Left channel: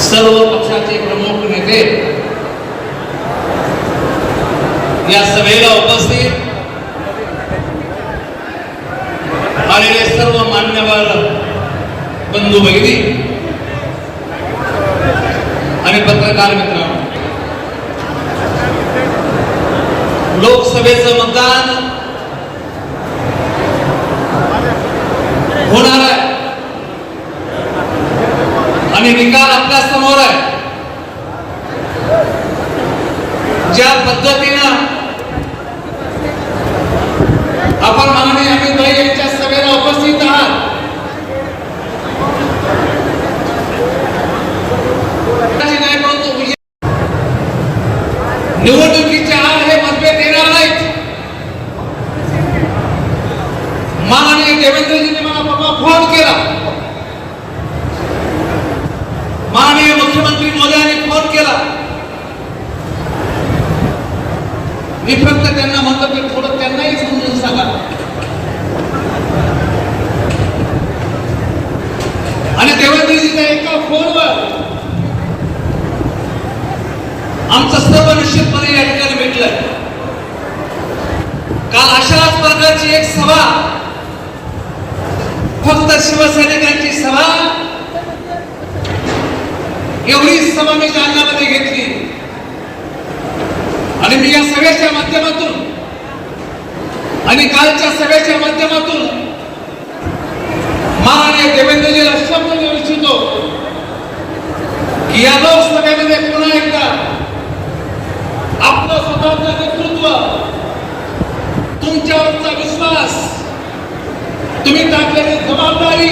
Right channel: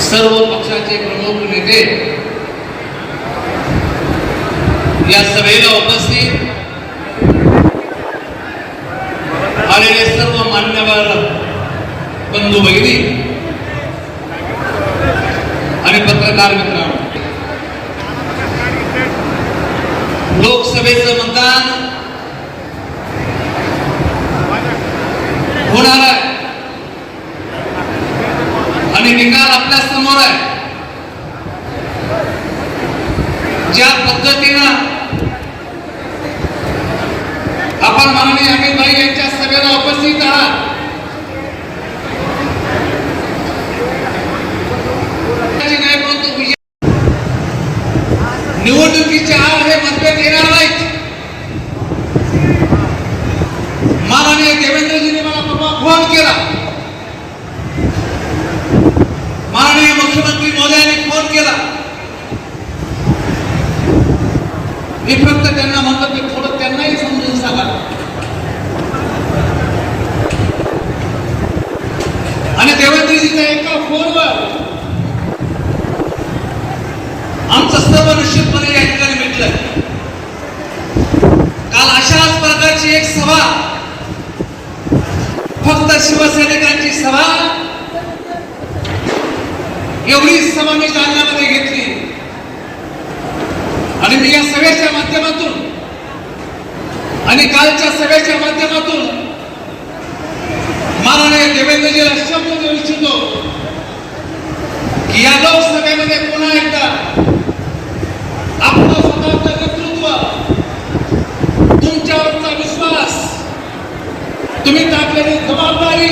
सर्व पक्षाचे प्रमुख नेते या सभेला उपस्थित आलेले सर्व मान्यवर बंधू भगिनी आणि पत्रकार मित्रांनो, लोकसभेचं मतदान होणार आहे आणि निकाल आपल्या समोर आहे. ज्या पद्धतीनं आपण माननीय अमित भाई यांच्या सभेला उपस्थित आहात, निवडणुकीच्या आड हे मतभेद येणार नाहीत. माननीय देवेंद्रजींनी मला फोन केला, माननीय मुख्यमंत्री महोदयांनी फोन केला. मी फक्त त्यांना म्हणतो की थोडं त्यांनाही समजून सांगा. आणि देवेंद्रजीच्या एका फोनवर आमचं सर्व निश्चितपणे या ठिकाणी भेटलं. काल अशाच प्रकारची एक सभा, फक्त शिवसैनिकांची सभा, एवढी सभा मी जालन्यामध्ये घेतली. आणि मी या सभेच्या माध्यमातून आणि कालच्या सभेच्या माध्यमातून माननीय देवेंद्रजीला शब्द देऊ इच्छितो की या लोकसभेमध्ये पुन्हा एकदा आपलं स्वतःचं नेतृत्व, तुमच्यावरचा विश्वास, तुम्ही टाकलेली जबाबदारी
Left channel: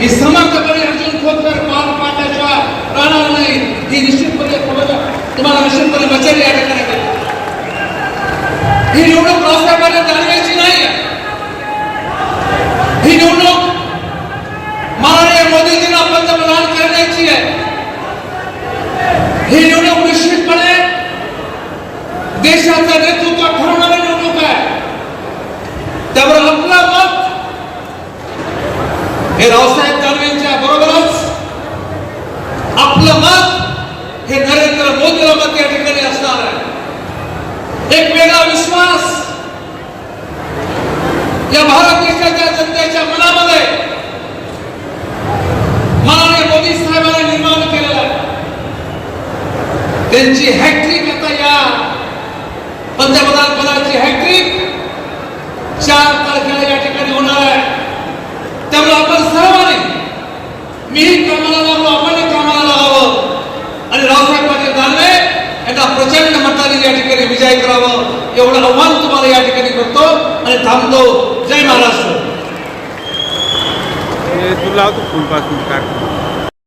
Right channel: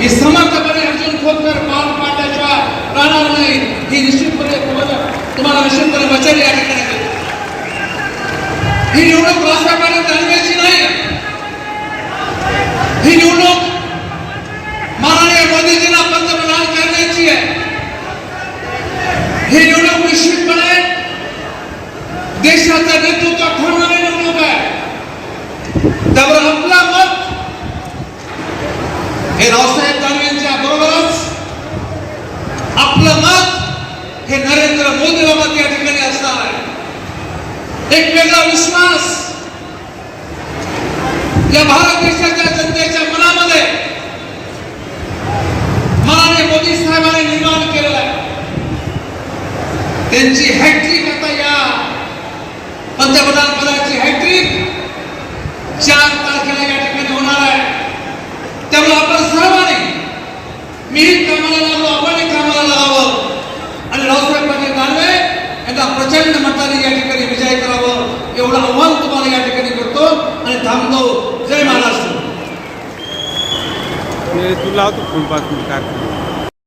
ही समर्थपणे अर्जुन खोतकर पार पाडल्याशिवाय राहणार नाही. ही निश्चितपणे तुम्हाला निश्चितपणे बचेल. या ठिकाणी ही निवडणूक राष्ट्रपती दानवेची नाही. ही निवडणूक माननीय मोदीजींना पंतप्रधान करण्याची आहे. ही निवडणूक निश्चितपणे देशाचं नेतृत्व ठरवणारी निवडणूक आहे. त्यामुळे आपला मत हे रावसाहेब दानवेंच्या बरोबरच, आपलं मत हे नरेंद्र मोदीला मत या ठिकाणी असणार आहे. एक वेगळा विश्वास या भारत देशाच्या जनतेच्या मनामध्ये माननीय मोदी साहेबांनी निर्माण केलेला आहे. त्यांची हॅट्रिक आता या पंतप्रधान पदाची हॅट्रिक 4 तारखेला या ठिकाणी होणार आहे. त्यामुळे आपण सर्वांनी, मीही कामाला लागलो, आपणही कामाला लागावं आणि रावसाहेब पाटील दानवे यांना प्रचंड मताने या ठिकाणी विजय करावं, एवढं आव्हान तुम्हाला या ठिकाणी करतो आणि थांबतो. जय महाराष्ट्र. तुला फोन पासून